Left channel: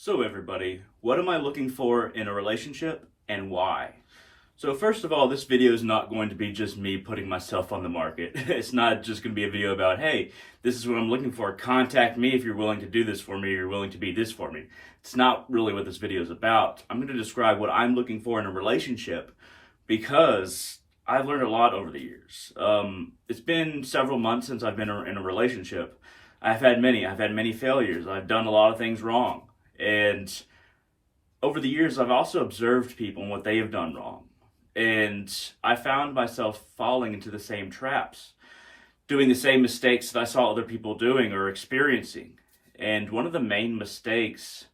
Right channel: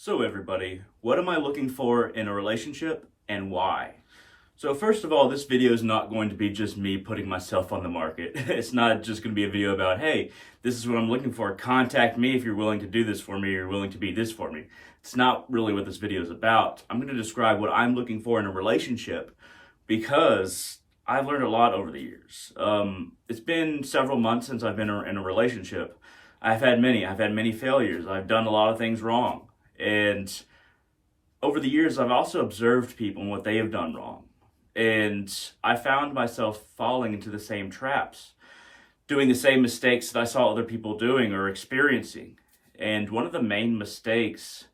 So everybody, what am I looking for in a relationship and why? So first of all, this video is not going to be just me putting myself on the market. It's not just going to be a video about, hey, this is what I'm looking for. Contact me if you're willing to do this for me or you're willing to be this for me. It's not really what this video is about. I'm going to describe what I'm looking for in a relationship because I've learned a lot over the years. It's been several months since I've been in a relationship. I've had many failures. I've done a lot of things wrong. And over the years, I've also observed people and what they have done wrong. And I found myself falling into the same traps, doing the same mistakes that I saw other people doing or experiencing. And one of the main mistakes,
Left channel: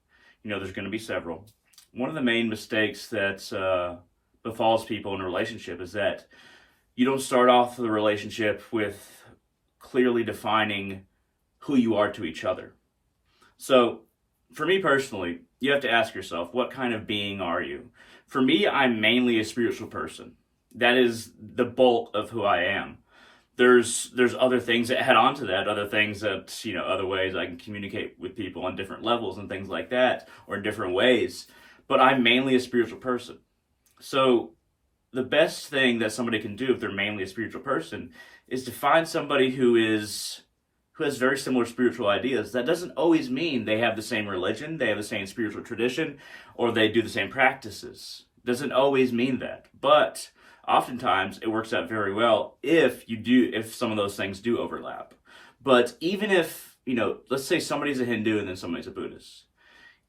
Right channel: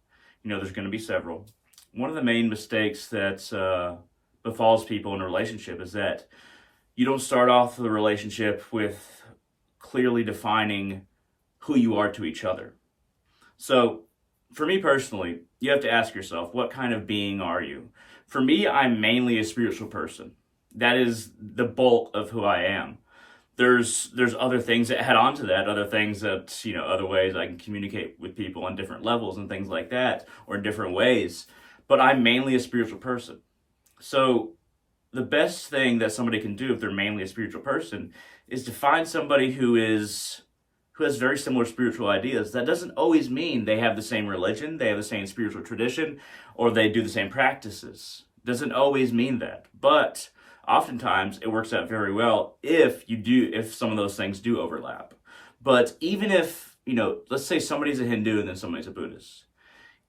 there's going to be several. One of the main mistakes that befalls people in a relationship is that you don't start off the relationship with clearly defining who you are to each other. So, for me personally, you have to ask yourself, what kind of being are you? For me, I'm mainly a spiritual person. That is the bulk of who I am. There's other things that add on to that, other things that, other ways I can communicate with people on different levels and things like that, or in different ways. But I'm mainly a spiritual person. So the best thing that somebody can do if they're mainly a spiritual person is to find somebody who has very similar spiritual ideas. That doesn't always mean they have the same religion, they have the same spiritual tradition, or they do the same practices. Doesn't always mean that. But oftentimes it works out very well if some of those things do overlap. But even if, let's say somebody's a Hindu and then somebody's a Buddhist.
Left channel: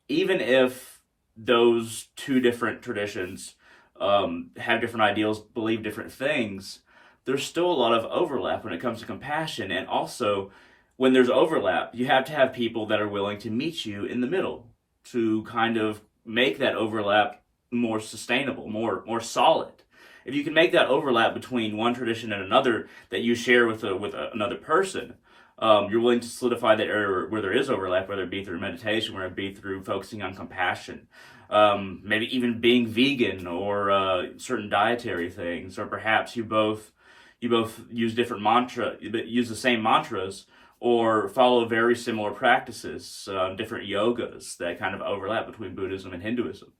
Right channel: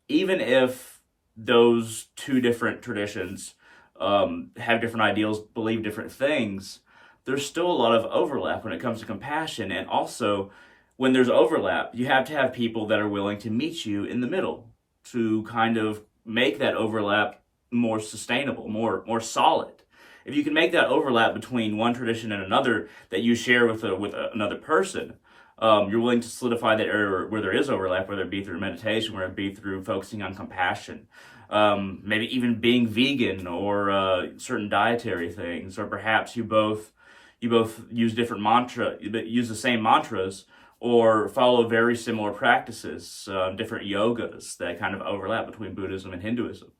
Even if those two different traditions have different ideals, believe different things, there's still a lot of overlap when it comes to compassion. And also, when there's overlap, you have to have people that are willing to meet you in the middle to kind of make that overlap more sustainable, more solid. If you can make that overlap between one tradition and another that you share with another person, you're willing to solidify that area where there is overlap, whether it be through meditation, whether it be through focusing on compassion, maybe even being vegan or certain dietary things, or perhaps you both use use the same mantras, or follow very similar practices, different yogas that kind of overlap between Buddhism and Hinduism.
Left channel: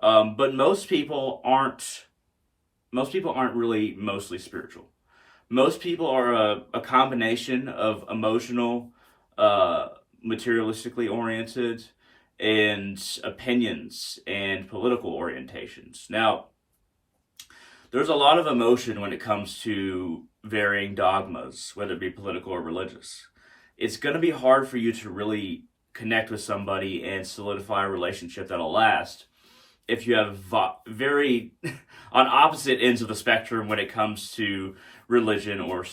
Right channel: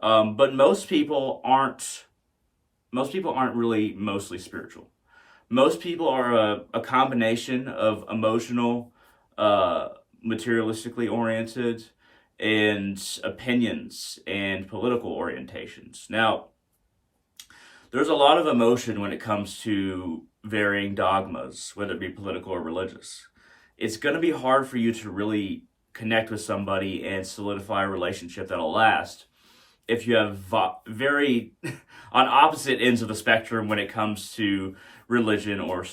But most people aren't really mostly spiritual. Most people are a combination of emotional, materialistically oriented, and opinions and political orientations. Now, there's a lot of emotion when it comes to varying dogmas, whether it be political or religious. It's going to be hard for you to really connect with somebody and solidify a relationship that'll last if you have very on opposite ends of the spectrum when it comes to religion or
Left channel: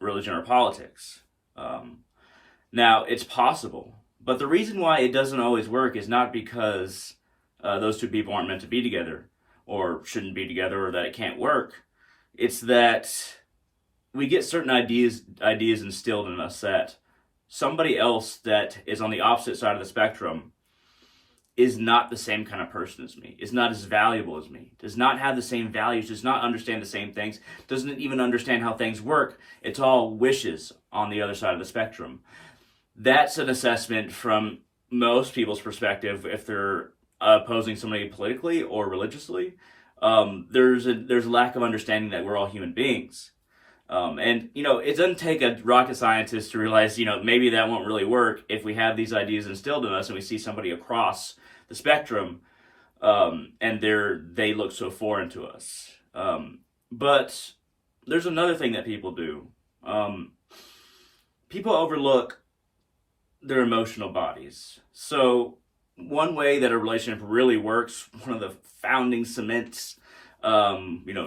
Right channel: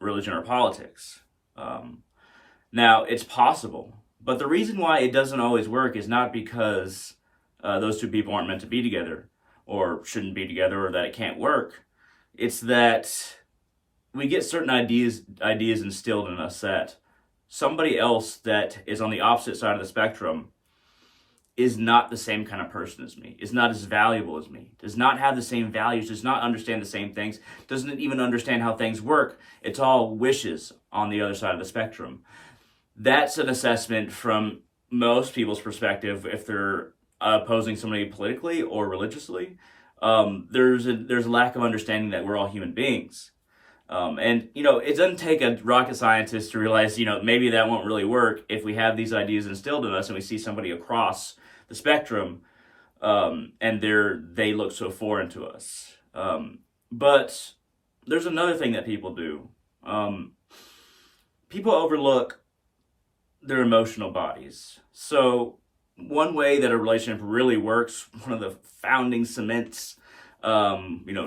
religion or politics. Now, it's possible, but the reason why it doesn't always work is not because those two people aren't meant to be together or shouldn't be together or that it can't work. It's that we get certain ideas instilled in us that somebody else that is on the opposite side of the spectrum is not the same kind of person as me, is not as valuable as me, does not have the same values, does not understand the same things, doesn't even understand how things work. It's all wishes on the other side of the spectrum. That's an assessment from most people's perspective if they're opposing somebody politically or religiously. There's a lack of understanding that we're all human beings. And it doesn't take a rocket scientist to realize, maybe that won't really work if we have these ideas instilled in us and we see somebody across the spectrum, and they look so foreign to us. But there's another thing that people do. People overlook their emotional bodies. So one way that a relationship really works, one of the founding cements,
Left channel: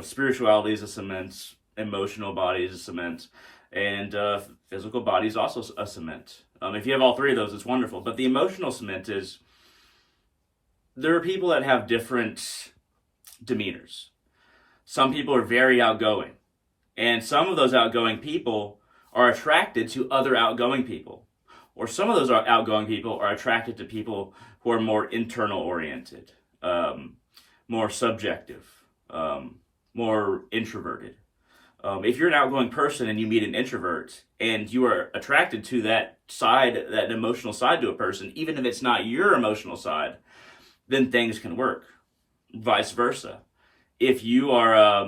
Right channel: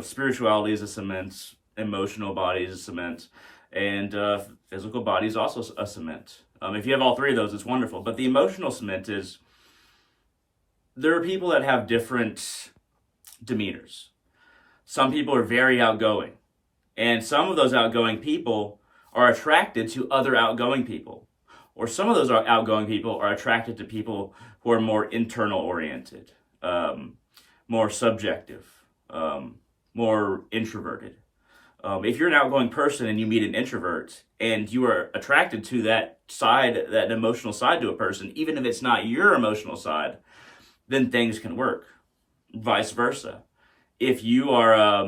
spirituality is a cement, emotional body is a cement, and physical body is also a cement. If you have all three of those, it's wonderful. But the emotional cement is, there are people that have different demeanors. Some people are very outgoing, and some of those outgoing people are attracted to other outgoing people. Or some of those outgoing people are attracted to people who are more internal oriented, more subjective, more introverted. If you're an outgoing person and you meet an introvert and you are attracted to that side, that emotional side to a person, even if it's not your emotional side, then things can work. Vice versa. If you are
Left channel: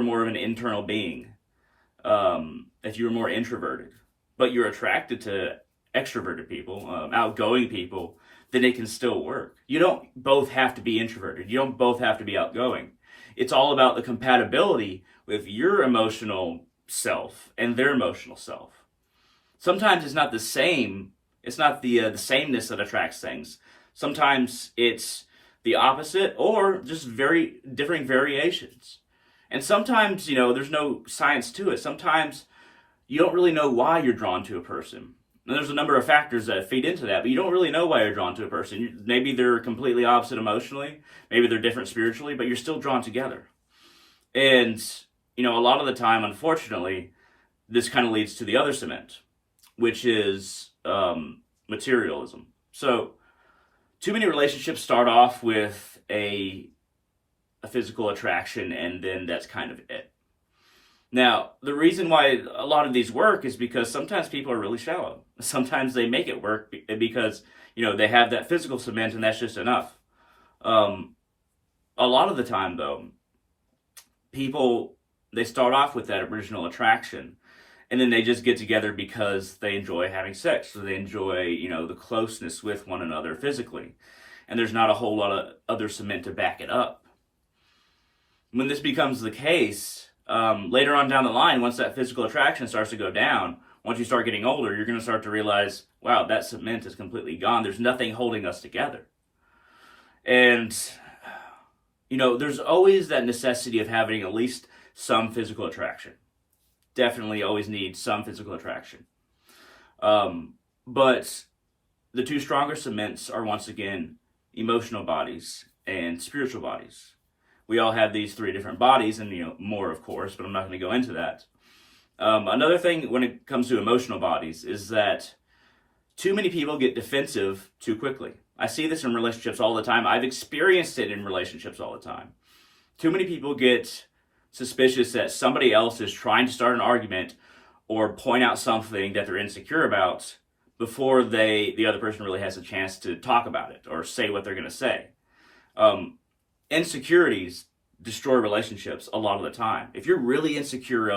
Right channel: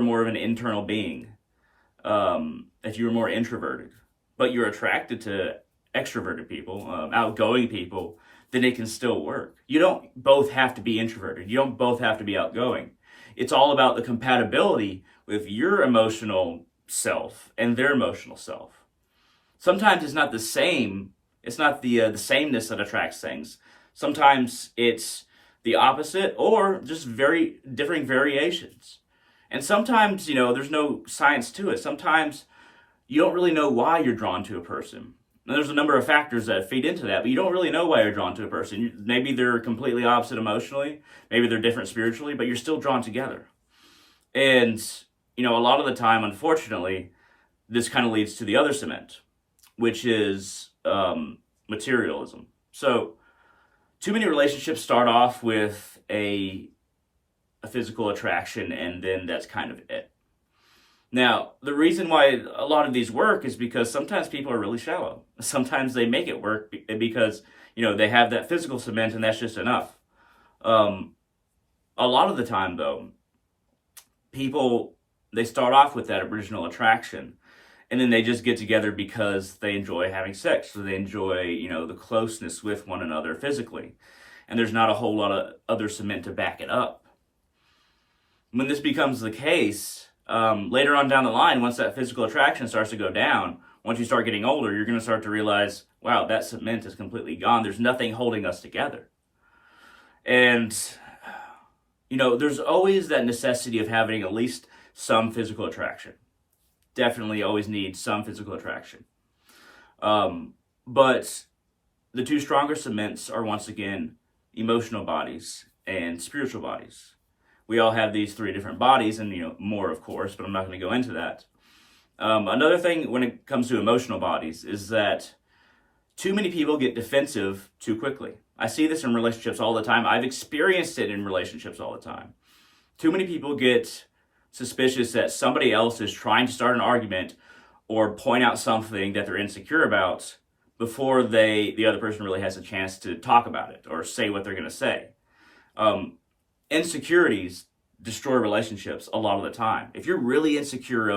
more of an internal being, if you're more introverted, but you're attracted to extroverted people, outgoing people, then it can still work. You don't both have to be introverted. You don't both have to be outgoing. It's all about the compatibility with your emotional self and their emotional self. Sometimes it's not the same. It's not the sameness that attracts things. Sometimes it's the opposite or just very differing variations. And sometimes, there's no science to it. Sometimes you don't really know why you're drawn to a person. And there's a number of factors that feed into that, but you don't really know why you're drawn to a person. Maybe they're completely opposite emotionally. Maybe they're different spiritually, but you're still drawn together. And, a lot of the time, unfortunately, this kind of leads to the other cement, which is materialism. So too many relationships start off with a physical attraction, and then that's kind of it. Now, the reason why a lot of these work is because sometimes people are really shallow. Sometimes they make it work because, they have that physical cement and that's just enough. A lot of the time, though, people, they start off with that original attraction and then they just get together because they enjoy having sex, so they enjoy, the closeness with one another physically. And there's not a whole lot of other cement to back it up. When this becomes the case, later on down the line, once that physical attraction starts to go down, once you start getting older, you're going to start to realize, wow, that cement is completely gone. There's nothing holding us together. And, there's always that necessity of having at least some physical attraction. Definitely always need some physical attraction. But the two stronger cements are, once again, emotional bodies and spiritual bodies. We all have these three different bodies, and more, of course, but I'm not going to go into that. Another thing when it comes to emotional bodies is that too many people get defensive too quickly. I see this in relationships all the time. I've experienced it in relationships all the time. Too many people get suspicious that somebody else is trying to start an argument or point out something that they're insecure about before the other person really has a chance to talk about it or say what they're going to say. Insecurities destroy relationships a lot of the time. If you're really insecure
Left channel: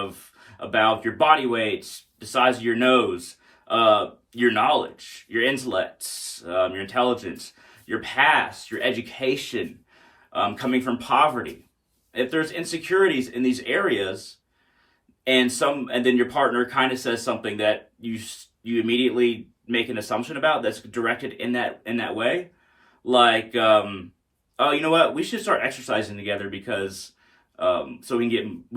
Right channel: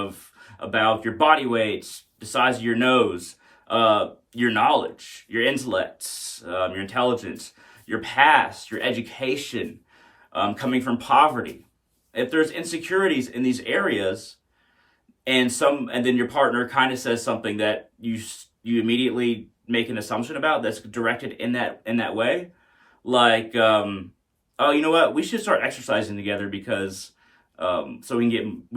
about your body weight, the size of your nose, your knowledge, your intellect, your intelligence, your past, your education, coming from poverty. If there's insecurities in these areas, and then your partner kind of says something that you immediately make an assumption about that's directed in that way, like, oh, you know what? We should start exercising together because so we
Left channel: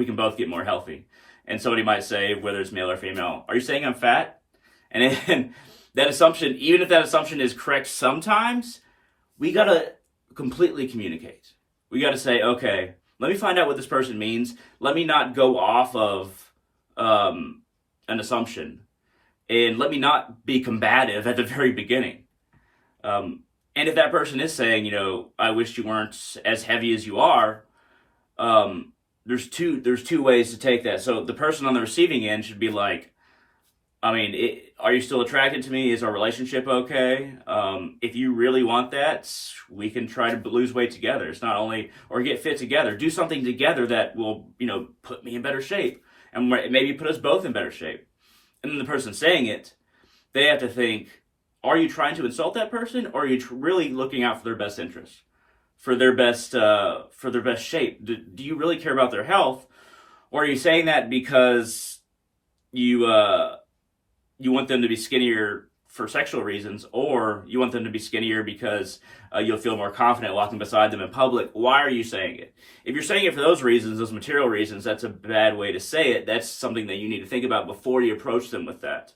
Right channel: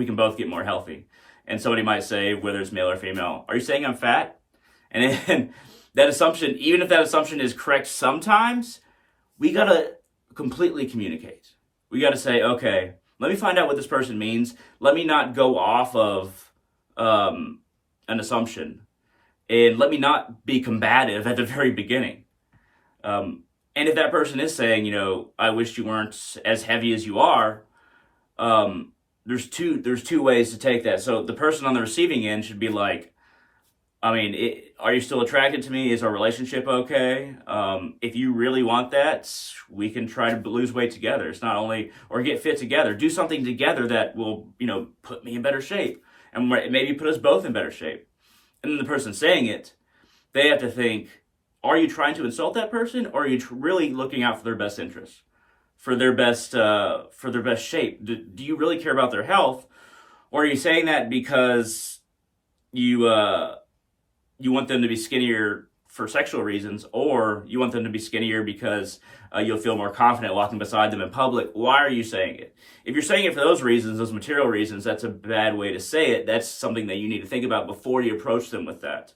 can both get more healthy. And somebody might say, whether it's male or female, are you saying I'm fat? And then that assumption, even if that assumption is correct sometimes, we got to completely communicate. We got to say, okay, let me find out what this person means. Let me not go off of an assumption. And let me not be combative at the very beginning. And if that person is saying, I wish you weren't as heavy as you are, there's two ways to take that. So the person on the receiving end should be like, are you still attracted to me? Is our relationship okay? If you really want that, we can try to lose weight together. It's not only, or get fit together. Do something together that will, put me in better shape. And maybe put us both in better shape. And then the person saying it, they have to think, are you trying to insult that person? Or are you really looking out for their best interests? For their best shape? Do you really care about their health? Or are you saying that because you want them to be skinnier for sexual reasons, or you want them to be skinnier because you'll feel more confident walking beside them in public? Why are you saying it? If you're saying it for those reasons, those material reasons, that's a bad way to say it. That's something that you need to think about before you approach them with that.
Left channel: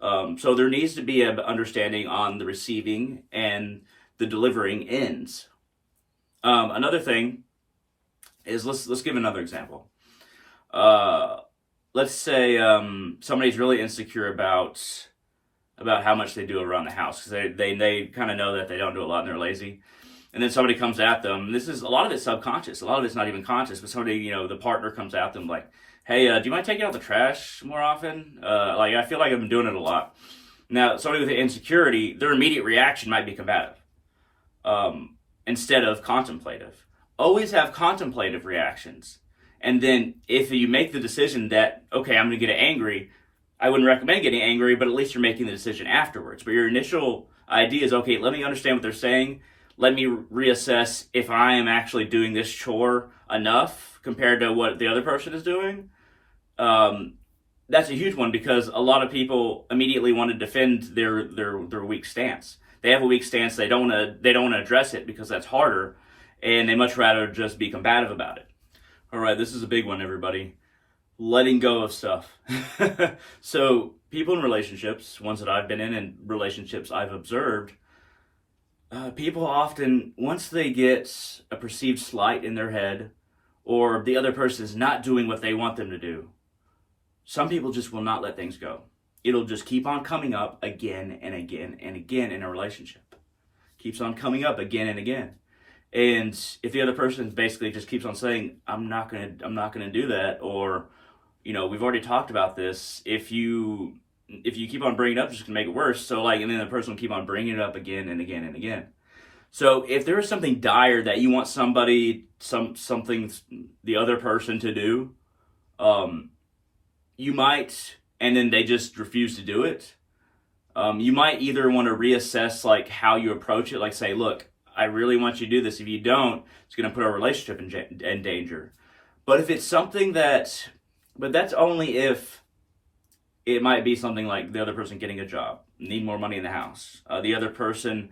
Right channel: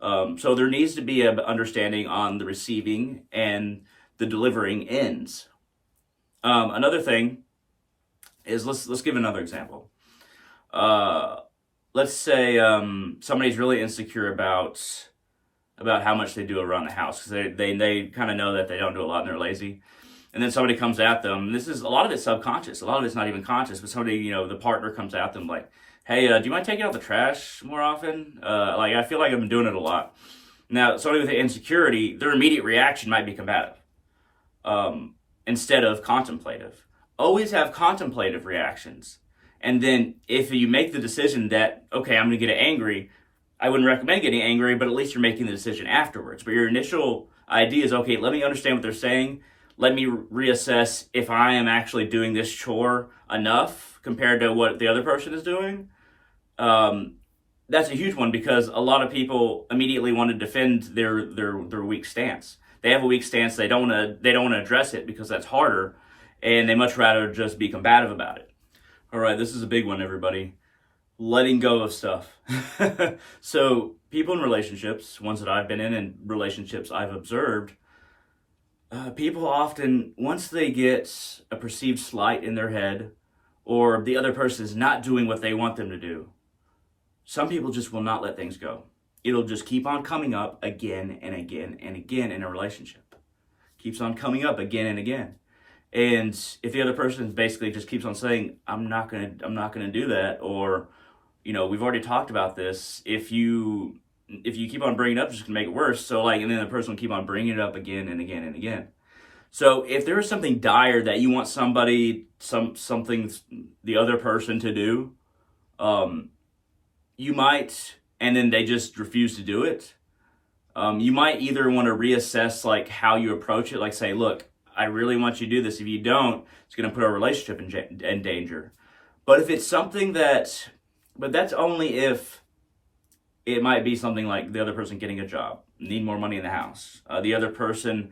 So there needs to be an understanding on the receiving and the delivering ends. Another thing is, let's give another example. Let's say somebody's really insecure about how much they do around the house, because they kind of know that they don't do a lot and they're lazy. And then somebody comes at them. This is a lot of it's subconscious. A lot of it's not even conscious, but somebody, the partner comes at them like, hey, do you mind taking out the trash more often? Like, I feel like I've been doing it a lot. Now, somebody with insecurity, their immediate reaction might be combative instead of contemplative. Always have contemplative reactions. And then if you make the decision that, okay, I'm going to get angry, I wouldn't recommend getting angry, but at least you're making the decision afterwards. But your initial idea is, okay, let me understand what they're saying. Let me reassess if I am actually doing this chore enough compared to what the other person is doing. That's a huge one because a lot of people immediately want to defend their weak stance. They have a weak stance. They don't want to address it because that's harder, and they much rather just be combative about it. All right, this is a big one, everybody. Letting go of stuff. So people in relationships, ones that I've been in and relationships I've observed, people often, once they get a perceived slight in their head or the other person is not doing what they want them to do, some people just will not let things go. It'll just keep on coming up again and again and again in a relationship. Keeps on coming up again and again. And if the other person basically just keeps on saying, I'm not gonna do that, or, you know, we've already talked about this, if you keep on bringing it up, it's just gonna make it worse. So like, and then the person will keep on bringing it up again and again and again. So if there is something dire that you want somebody, something the other person to do, you might, and then they just refuse to do it. You might either want to reassess like how you approach it, like say, look, I really want you to do this. If you don't, it's going to put our relationship in danger. But if it's something but that's only if it might be something like the other person getting a job, need more money in the house. The other person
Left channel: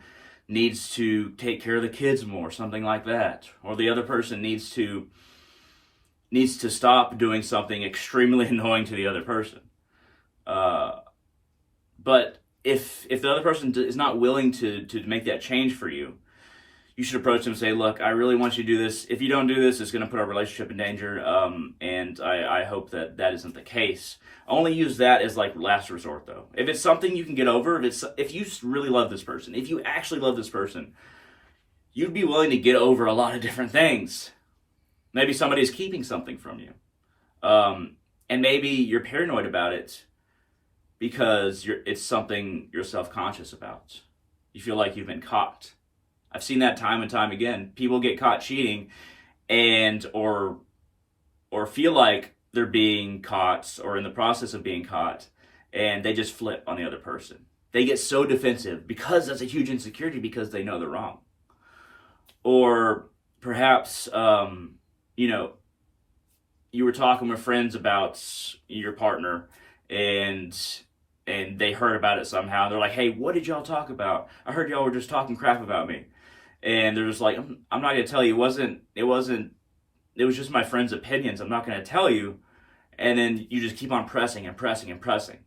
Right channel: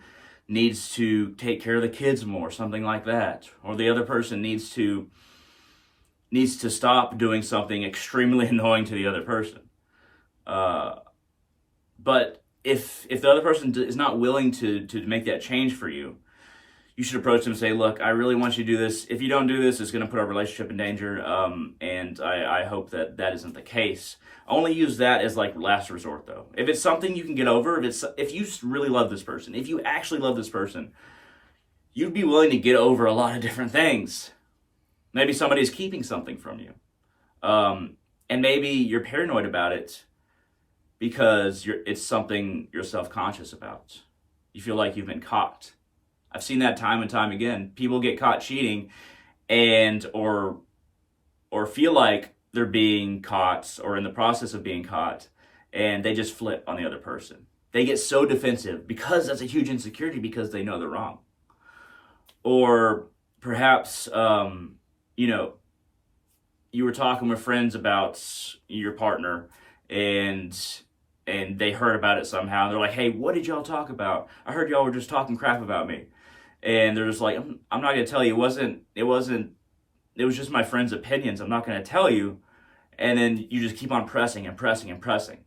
needs to take care of the kids more, something like that. Or the other person needs to stop doing something extremely annoying to the other person. But if the other person is not willing to make that change for you, you should approach them and say, look, I really want you to do this. If you don't do this, it's going to put our relationship in danger, and I hope that isn't the case. Only use that as like last resort, though. If it's something you can get over, if you really love this person, if you actually love this person, you'd be willing to get over a lot of different things. Maybe somebody is keeping something from you, and maybe you're paranoid about it because it's something you're self-conscious about. You feel like you've been caught. I've seen that time and time again. People get caught cheating or feel like they're being caught or in the process of being caught, and they just flip on the other person. They get so defensive because that's a huge insecurity because they know they're wrong. Or perhaps, you know, you were talking with friends about your partner and they heard about it somehow. They're like, hey, what did y'all talk about? I heard y'all were just talking crap about me. And they're just like, I'm not going to tell you. It was just my friend's opinions. I'm not going to tell you. And then you just keep on pressing and pressing and pressing.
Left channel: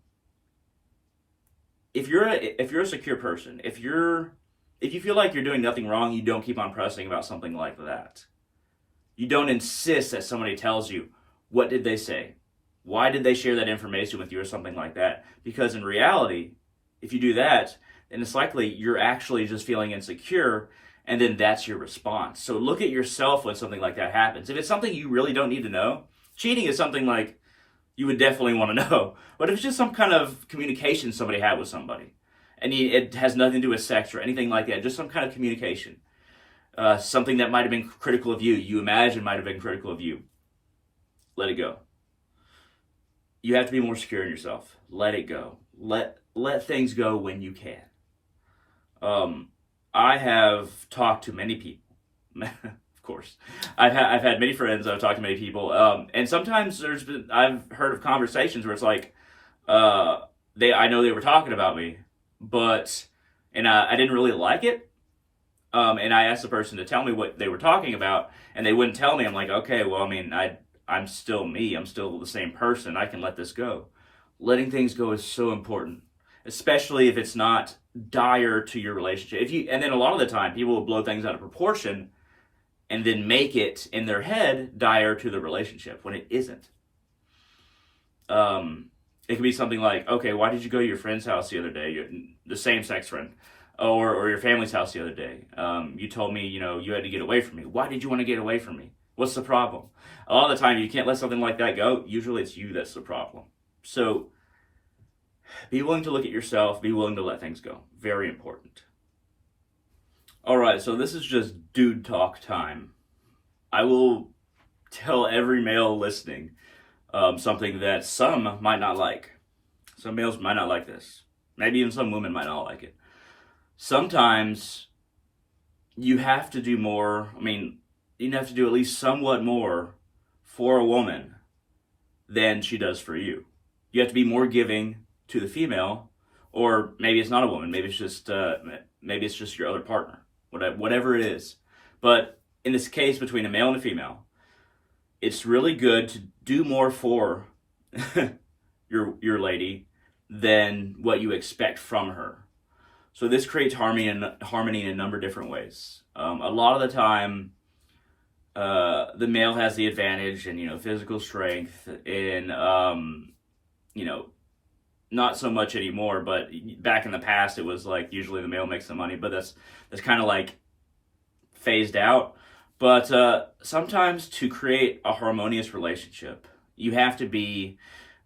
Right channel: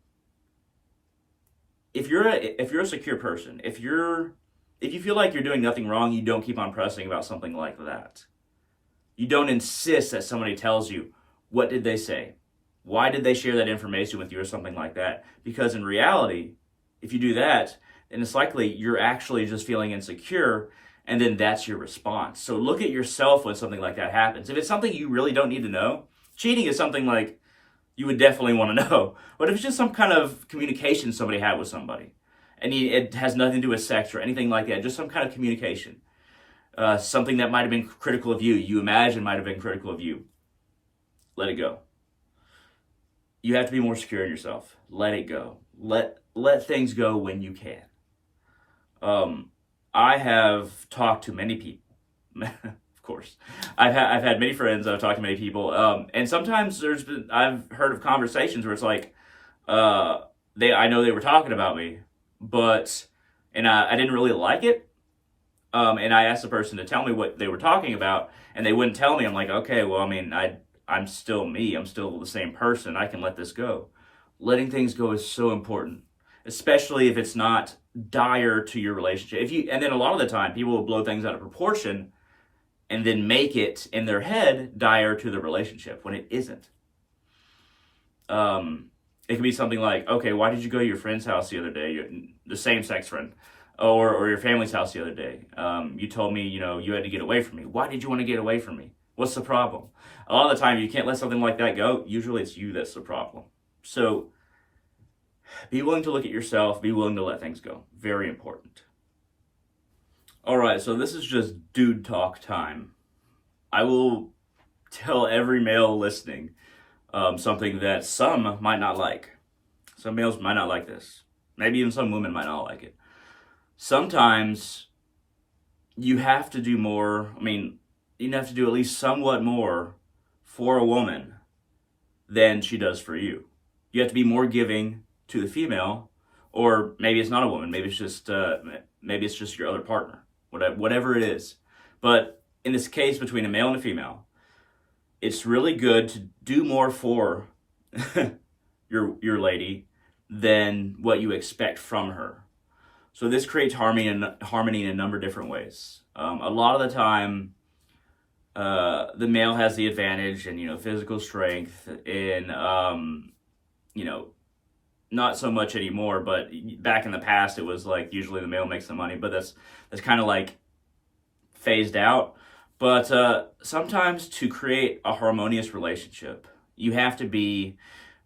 If you're a secure person, if you feel like you're doing nothing wrong, you don't keep on pressing about something like that. You don't insist that somebody tells you, what did they say? Why did they share that information with you or something like that? Because in reality, if you do that, then it's likely you're actually just feeling insecure, and then that's your response. So look at yourself when something like that happens. If it's something you really don't need to know, cheating is something like you would definitely want to know. But if it's just some kind of communication somebody had with somebody, and it has nothing to do with sex or anything like that, just some kind of communication, something that might have been critical of you imagine might have been critical of you, let it go. You have to be more secure in yourself. Let it go. Let things go when you can. I have talked to many people. Of course, I've had many friends. I've talked to many people, and sometimes I've heard of conversations where it's like, I know they were talking about me, and I didn't really like it, and I asked the person to tell me what they were talking about, and they wouldn't tell me. I'm like, okay, well, I mean, I'm still me. I'm still the same person. I can let this go. Letting things go is so important, especially if it's not dire to your relationship. And then a lot of the time, people will blow things out of proportion and then make it in their head dire to the relationship when it isn't. It could be something like, okay, why did you go to your friend's house the other day? The same-sex friend. Or your family's house the other day. You told me, you had to get away from me. Why did you want to get away from me? What's the problem? A lot of the time, you can't let something like that go. Usually it's you that's the problem. So be willing to look at yourself. Be willing to let things go. Very important. All right, so this is just dude talk time. I will tell every male listening something that some might not like. Some males might not like this. Maybe even some women might not like it. Sometimes you have to do more. I mean, you have to do at least somewhat more for a woman than she does for you. You have to be more giving to the female, or maybe it's not a woman. Maybe it's just your other partner. Whatever it is. But in this case between a male and a female, it's really good to do more for your lady than what you expect from her. So this creates harmony in a number of different ways. A lot of the time, the male has the advantage in physical strength, in not so much anymore, but back in the past it was like usually the male makes the money, but that's kind of like phased out. But sometimes to create a harmonious relationship, you have to be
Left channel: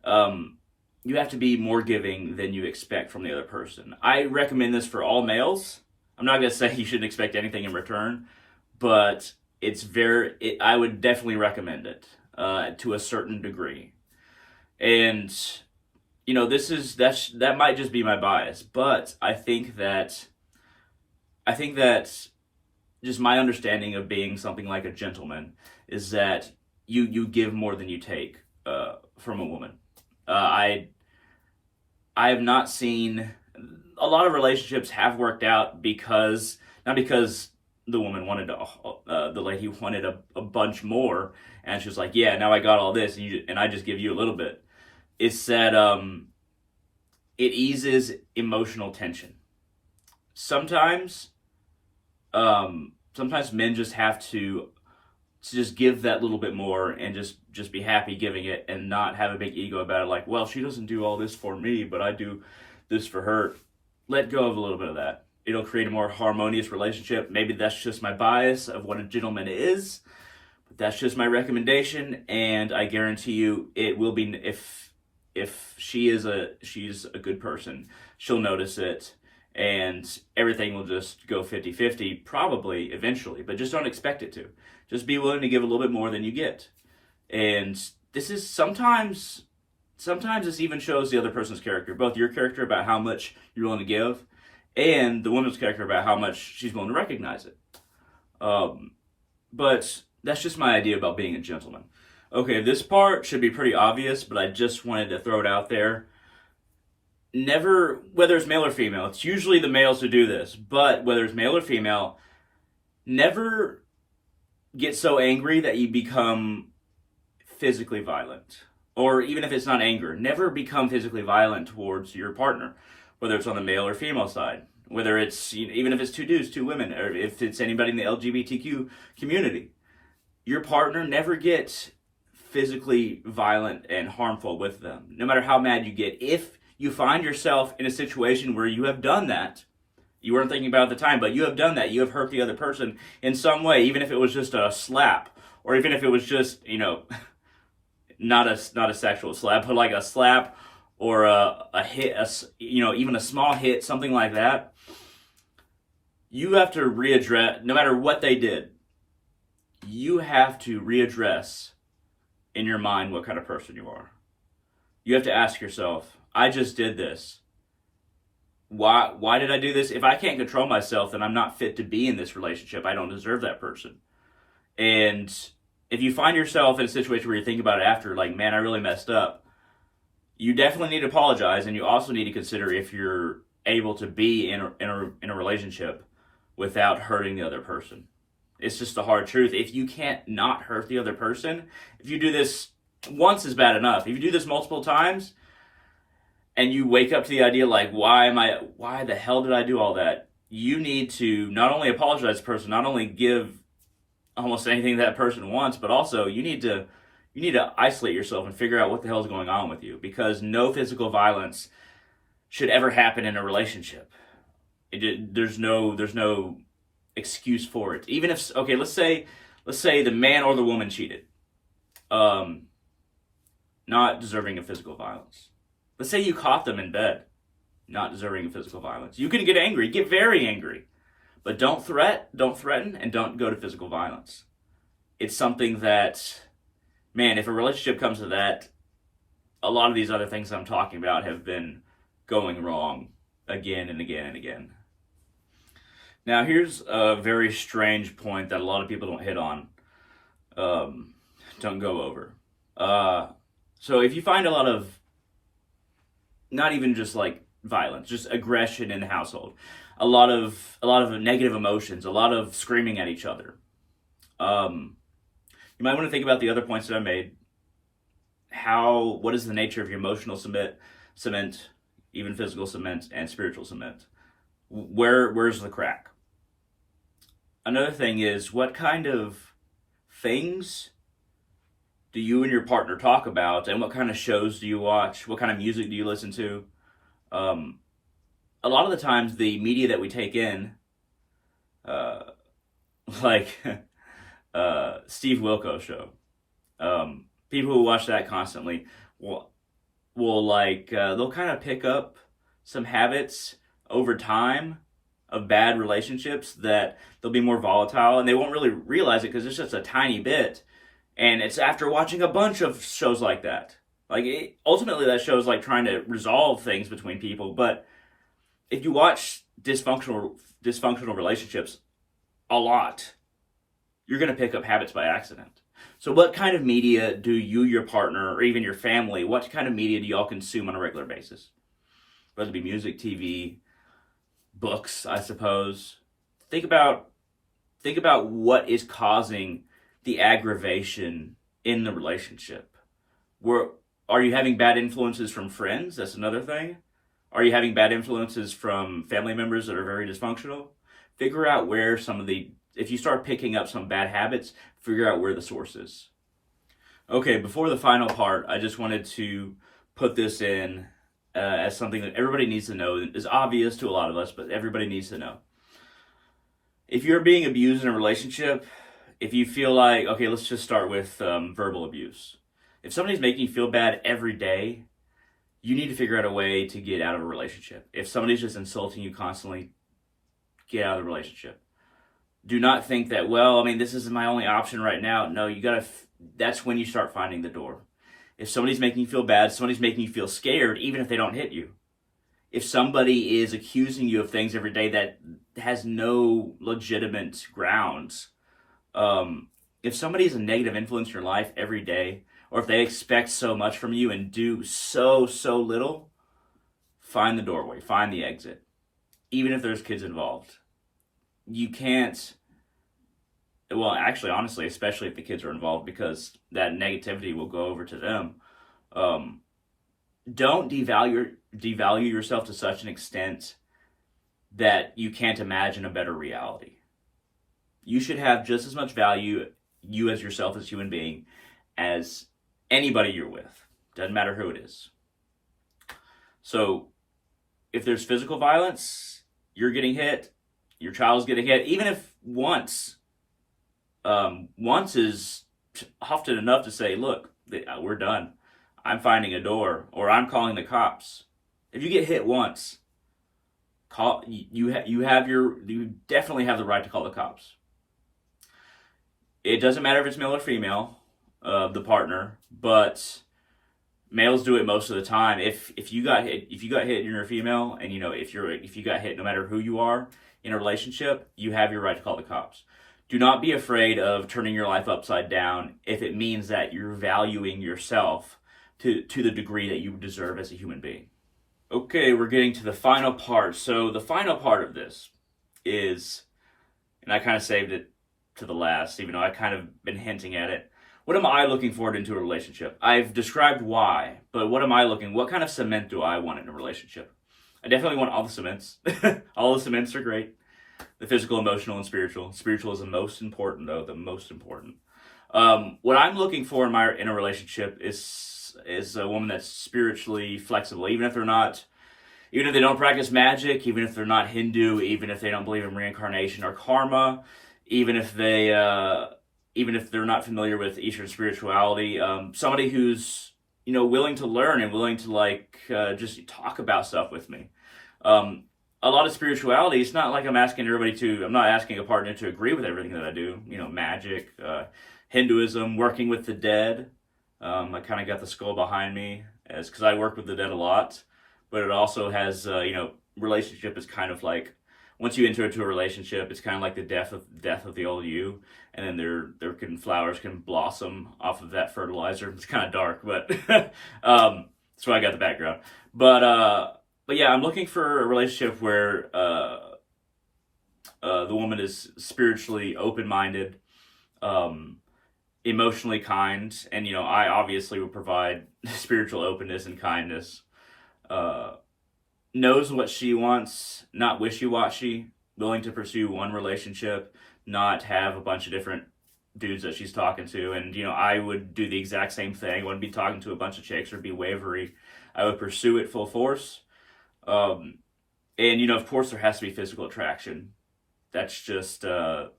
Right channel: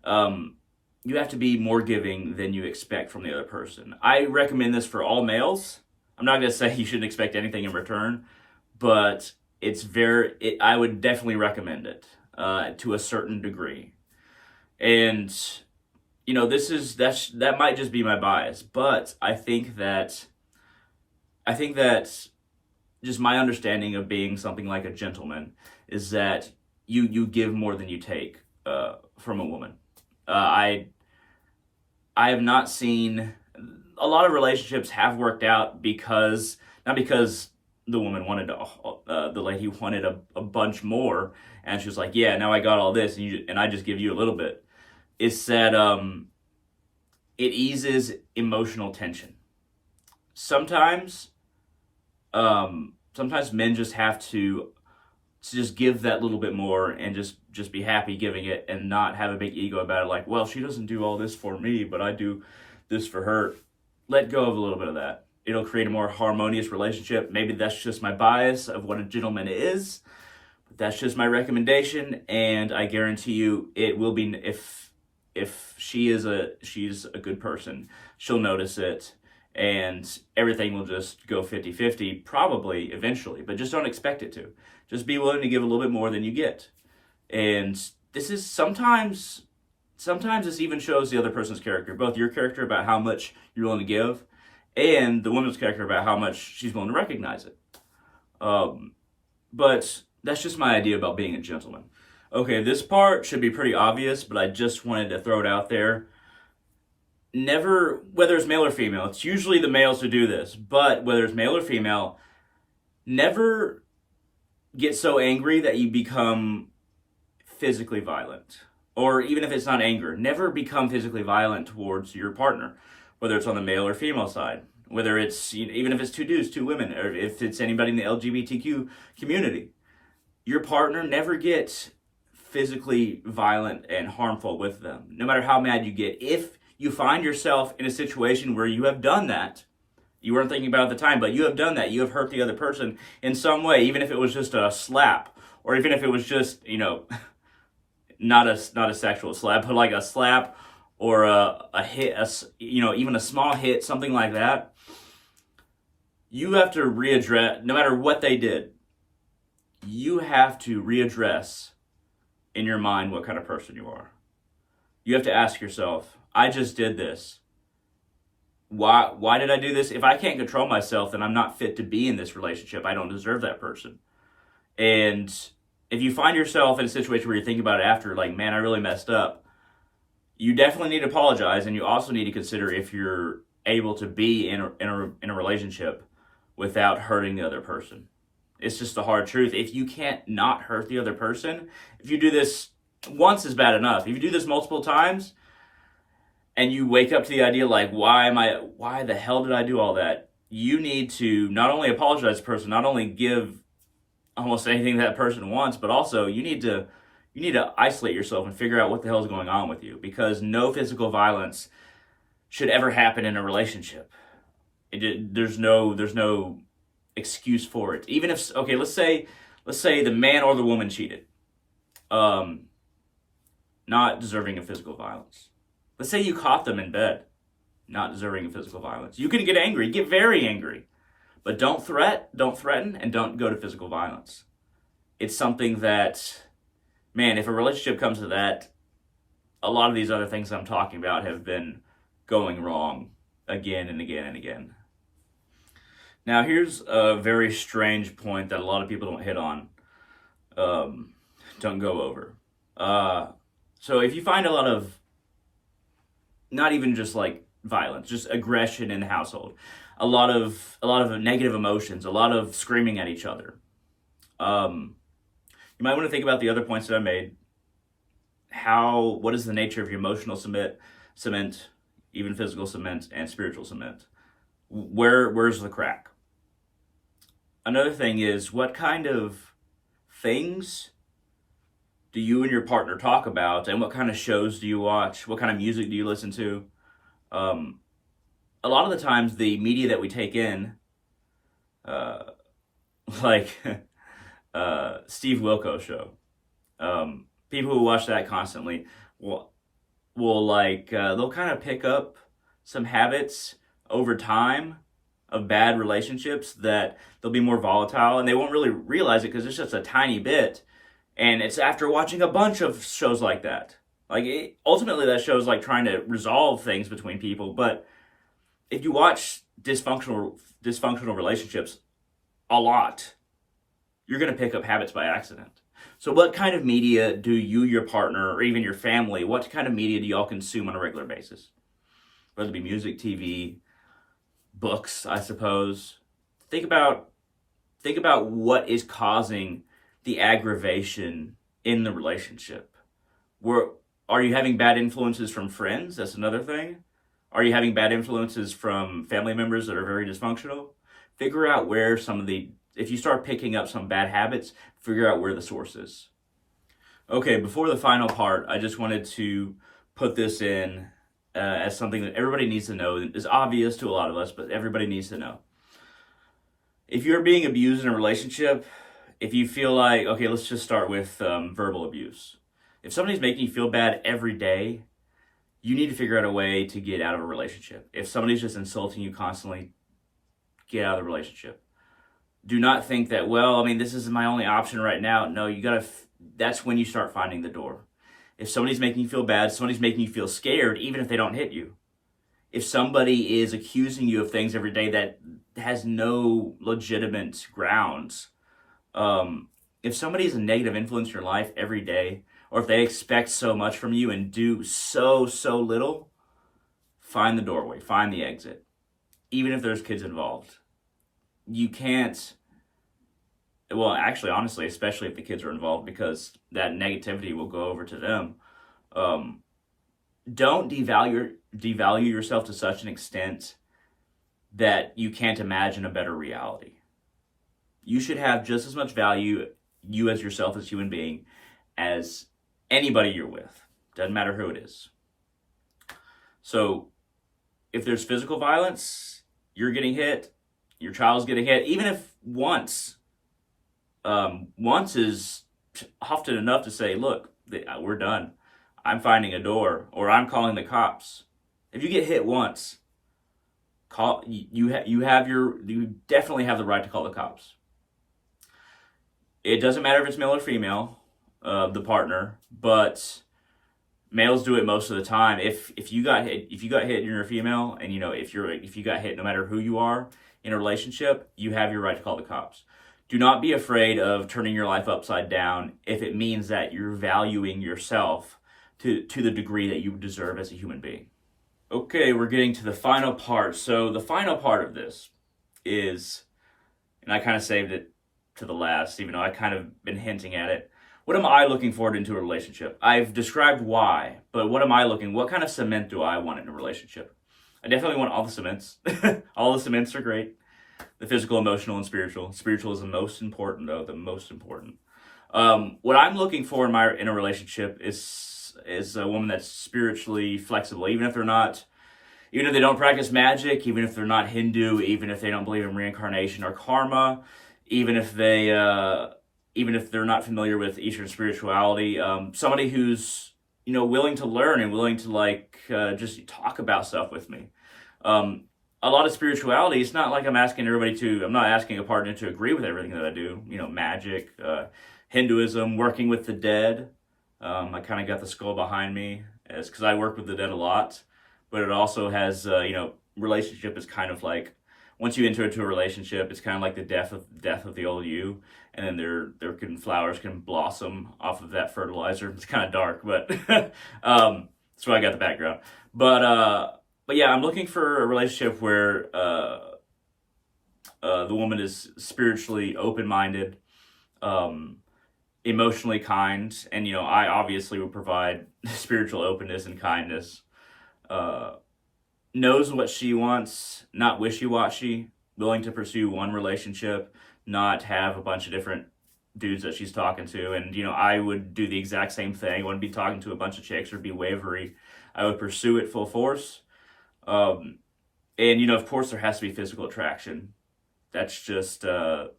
more giving than you expect from the other person. I recommend this for all males. I'm not going to say you shouldn't expect anything in return, but I would definitely recommend it to a certain degree. And that might just be my bias, but I think that just my understanding of being something like a gentleman is that you give more than you take from a woman. I have not seen a lot of relationships have worked out not because the woman wanted the lady wanted a bunch more, and she was like, yeah, now I got all this, and I just give you a little bit. It's that it eases emotional tension. Sometimes men just have to just give that little bit more and just be happy giving it and not have a big ego about it. Like, well, she doesn't do all this for me, but I do this for her. Let go of a little bit of that. It'll create a more harmonious relationship. Maybe that's just my bias of what a gentleman is, but that's just my recommendation. And I guarantee you it will be, if she's a good person, she'll notice it. And everything will just go 50-50, probably eventually, but just don't expect it to. Just be willing to give a little bit more than you get. And this is sometimes this even shows the other person's character, both your character about how much you're willing to give, and the woman's character about how much she's willing to recognize it. But that's just my idea about being a gentleman. Okay, this part should be pretty obvious, but I just wanted to throw it out there. Never, whether it's male or female, it's usually the males who do this, but whether it's male or female, never get so angry that you become physically violent. Or even if it's not anger, never become physically violent towards your partner, whether it's on the male or female side, whether it's, even if it's two dudes, two women, or if it's anybody in the LGBTQ community. Your partner, never get physically violent and harmful with them, no matter how mad you get. If you find yourself in a situation where you have done that, you weren't thinking about it at the time, but you have done that, you have hurt the other person in some way, even if it was just a slap, or even if it was just, not a sexual slap, but like a slap or a hit, even a small hit, something like that, you have to readdress, no matter what they did, you have to readdress in your mind what kind of person you are. You have to ask yourself, I just did this. Why did I do this? If I can't control myself, then I'm not fit to be in this relationship. I don't deserve that person. And if you find yourself in a situation where you think about it after, like, man, I really messed up, you definitely need to apologize, and you also need to consider if you're able to be in a relationship without hurting the other person. It's just the hard truth. If you can't not hurt the other person, if you do this once is bad enough. If you do this multiple times, and you wake up to the idea like, why the hell did I do all that? You need to not only apologize to the person, not only give almost anything that person wants, but also you need to isolate yourself and figure out what the hell is going on with you, because no physical violence should ever happen in a relationship. There's no excuse for it. Even if, okay, let's say let's say the man or the woman cheated. Not deserving of physical violence. Let's say you caught them in bed. Not deserving of physical violence. You can get angry, get very angry, but don't threaten, and don't go to physical violence. It's something that, man, if a relationship comes to that, a lot of these other things I'm talking about have been going wrong again and again and again. Now, here's a very strange point that a lot of people don't hit on, don't go over. So if you find a lot of, not even just like violence, just aggression in the household, a lot of negative emotions, a lot of screaming at each other, you might want to think about the other points that I made. What is the nature of your emotional cement, even physical cement, and spiritual cement? Where's the crack? Another thing is, what kind of things do you and your partner talk about, and what kind of shows do you watch? What kind of music do you listen to? A lot of the times, the media that we take in, like Steve Wilkos show, people who watch that constantly will they'll kind of pick up some habits over time of bad relationships that they'll be more volatile, and they won't really realize it because it's just a tiny bit. And it's after watching a bunch of shows like that. Ultimately, that show's like trying to resolve things between people. But if you watch dysfunctional relationships a lot, you're going to pick up habits by accident. So what kind of media do you, your partner, or even your family, what kind of media do y'all consume on a regular basis? Whether it be music, TV, books, I suppose. Think about what is causing the aggravation in the relationship. Are you having bad influences from friends? That's another thing. Are you having bad influences from family members that are very dysfunctional? Figure out where if you start picking up some bad habits, figure out where the source is. Okay, before the final part, I just wanted to put this in as something that everybody needs to know. It's obvious to a lot of us, but everybody needs to know. If you're being abused in a relationship, if you feel like, okay, let's just start with verbal abuse. If somebody's making you feel bad every day, you need to figure out a way to get out of a relationship. If somebody's just insulting you constantly, get out of the relationship. Do not think that, this is my only option right now. No, that's when you start finding the door. If somebody's making you feel bad, somebody's making you feel scared, even if they don't hit you. If somebody is accusing you of things every day that has no legitimate grounds, if somebody is a negative influence in your life every day, or if they expect so much from you and do so little, find the doorway, find the exit. Even if there's kids involved. You can't, honestly, especially if the kids are involved, because that negativity will go over to them. Don't devalue yourself to such an extent that you can't imagine a better reality. You should have just as much value, you as yourself as a human being, as anybody you're with. Doesn't matter who it is. So if there's physical violence, you're getting hit, your child's getting hit, even if once is often enough to say, look, we're done. I'm finding a door, or I'm calling the cops. If you get hit once, you definitely have the right to call the cops. It doesn't matter if it's male or female, the partner, but males do it most of the time. If you got hit and you're a female, and if you got hit, no matter who you are in a relationship, you have your right to call the cops. Do not be afraid of turning your life upside down if it means that you're valuing yourself to the degree that you deserve as a human being. Okay, we're getting to the final part. So the final part of this is, and I kind of saved it to the last, even though I kind of been hinting at it. What am I looking forward into a relationship? I've described why, but what kind of cement do I want in a relationship? I definitely want all the cements. All the cements are great. The physical, emotional, and spiritual. Spiritual is the most important, though, the most important. What I'm looking for in a relationship is a woman that's spiritually flexible, even if they don't practice magic, even if they're not Hindu, even if they don't believe in reincarnation or karma, even if they even if they're not familiar with Eastern spirituality, somebody who's, you know, willing to learn and willing to like just talk about stuff with me. A lot of spirituality, it's not like I'm not asking a partner to agree with everything that I do. You know, magic, Hinduism, working with the dead. I kind of got the skull behind me as because I work with the dead a lot, but it also has, you know, relationship is kind of like once you enter into a relationship, it's kind of like the death of the old you, and then flowers can blossom off of that fertilizer. It's kind of dark, but that's why I got the background. But yeah, I'm looking for a relationship where the woman is spiritually open-minded, emotionally kind, and you know, I obviously would provide spiritual openness and kindness. Knows what she wants, not wishy-washy, willing to pursue one relationship, not have a bunch of different dudes that she's talking to. And you know, I would do the exact same thing. I wouldn't be talking to a bunch of chicks or be wavery. I would pursue it full force. And you know, of course, there has to be physical attraction. That's just a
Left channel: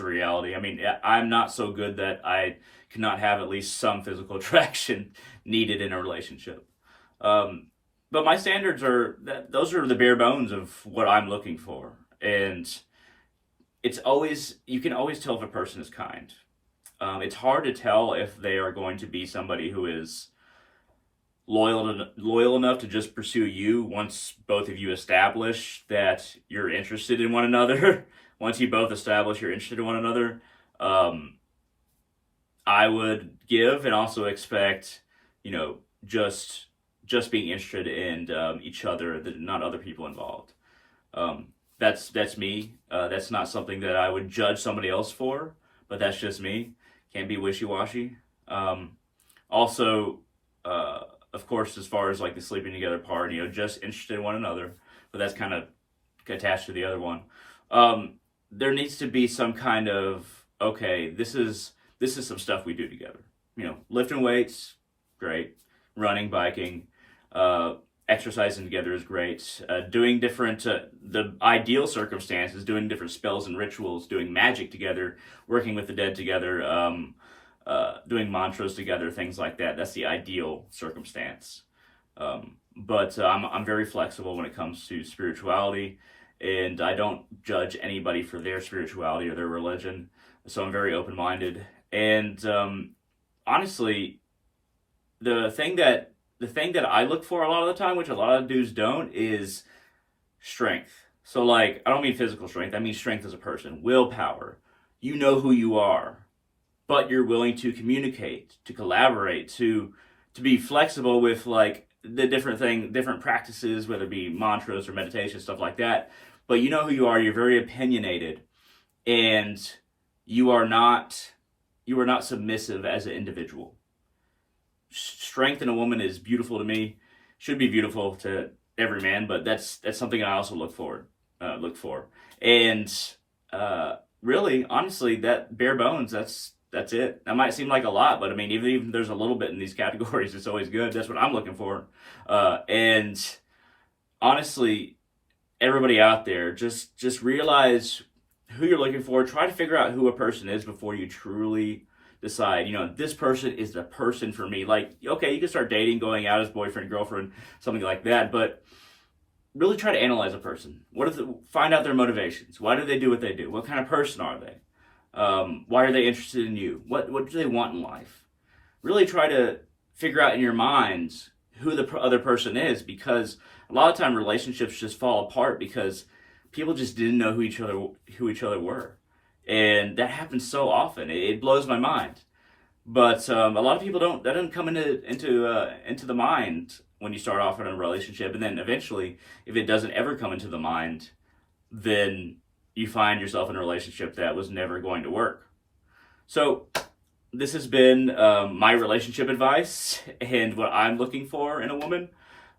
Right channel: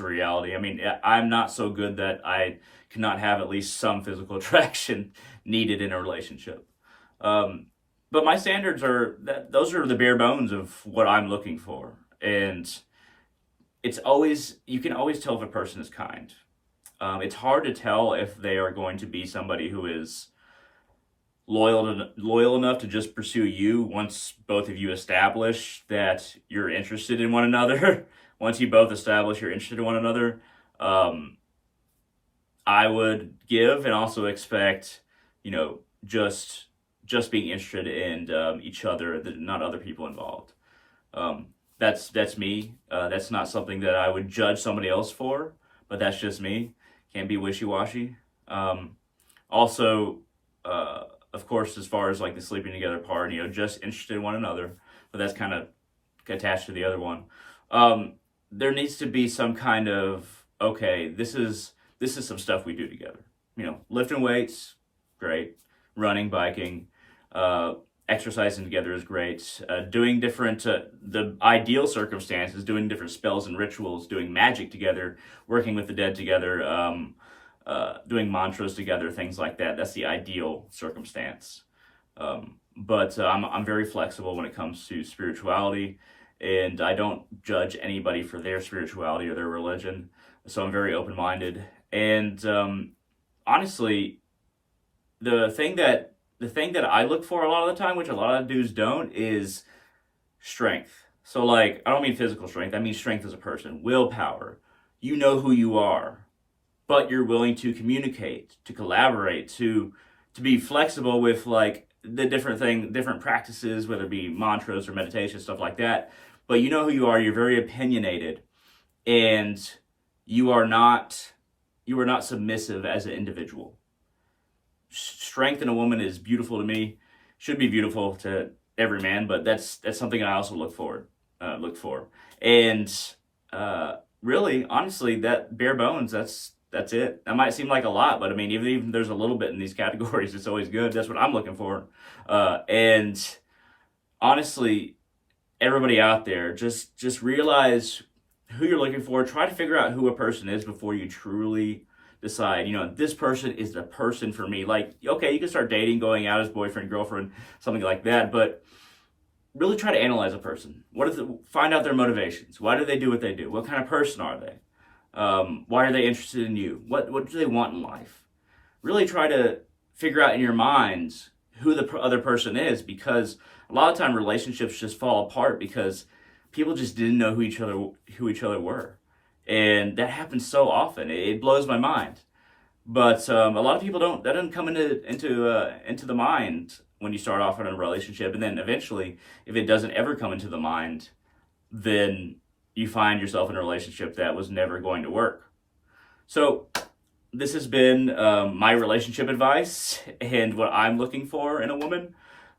reality. I mean, I'm not so good that I cannot have at least some physical attraction needed in a relationship. But my standards those are the bare bones of what I'm looking for. And you can always tell if a person is kind. It's hard to tell if they are going to be somebody who is loyal enough to just pursue you once both of you establish that you're interested in one another. Once you both establish you're interested in one another, I would give and also expect, you know, just being interested in each other, not other people involved. That's me. That's not something that I would judge somebody else for, but that's just me. Can't be wishy-washy. Also, of course, as far as like the sleeping together part, you know, just interested in one another, but that's kind of attached to the other one. There needs to be some kind of, okay, this is some stuff we do together. You know, lifting weights, great. Running, biking, exercising together is great. Doing different, the ideal circumstances, doing different spells and rituals, doing magic together, working with the dead together, doing mantras together, things like that. That's the ideal circumstance. But I'm very flexible when it comes to spirituality, and I don't judge anybody for their spirituality or their religion. So I'm very open-minded. And honestly, the thing that I look for a lot of the time, which a lot of dudes don't, is strength. So like, I don't mean physical strength, I mean strength as a person, willpower. You know who you are, but you're willing to communicate, to collaborate, to be flexible with like the different practices, whether it be mantras or meditation, stuff like that. But you know who you are, you're very opinionated, and you are not submissive as an individual. Strength in a woman is beautiful to me, should be beautiful to every man, but that's something I also look for. And really, honestly, that bare bones, that's it. That might seem like a lot, but I mean, even there's a little bit in these categories, it's always good. That's what I'm looking for. And honestly, everybody out there, just realize who you're looking for. Try to figure out who a person is before you truly decide, you know, this person is the person for me. Like, okay, you can start dating, going out as boyfriend, girlfriend, something like that, but really try to analyze a person. Find out their motivations. Why do they do what they do? What kind of person are they? Why are they interested in you? What do they want in life? Really try to figure out in your minds who the other person is, because a lot of time relationships just fall apart because people just didn't know who each other were. And that happens so often. It blows my mind. But a lot of people that doesn't come into the mind when you start off in a relationship. And then eventually, if it doesn't ever come into the mind, then you find yourself in a relationship that was never going to work. So this has been my relationship advice and what I'm looking for in a woman.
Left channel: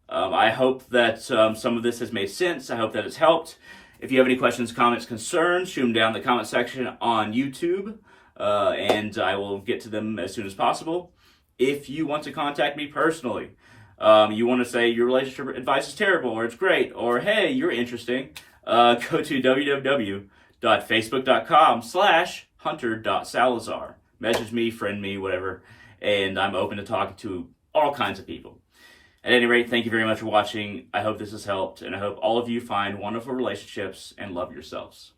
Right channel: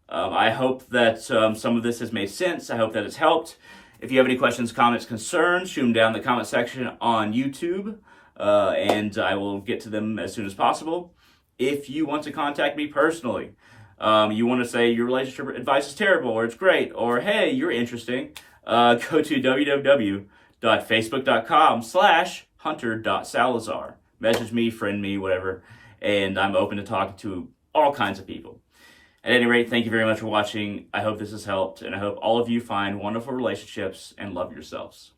I hope that some of this has made sense. I hope that it's helped. If you have any questions, comments, concerns, shoot them down in the comment section on YouTube, and I will get to them as soon as possible. If you want to contact me personally, you want to say your relationship advice is terrible, or it's great, or hey, you're interesting, go to www.facebook.com/ hunter.salazar. Message me, friend me, whatever, and I'm open to talking to all kinds of people. At any rate, thank you very much for watching. I hope this has helped, and I hope all of you find wonderful relationships and love yourselves.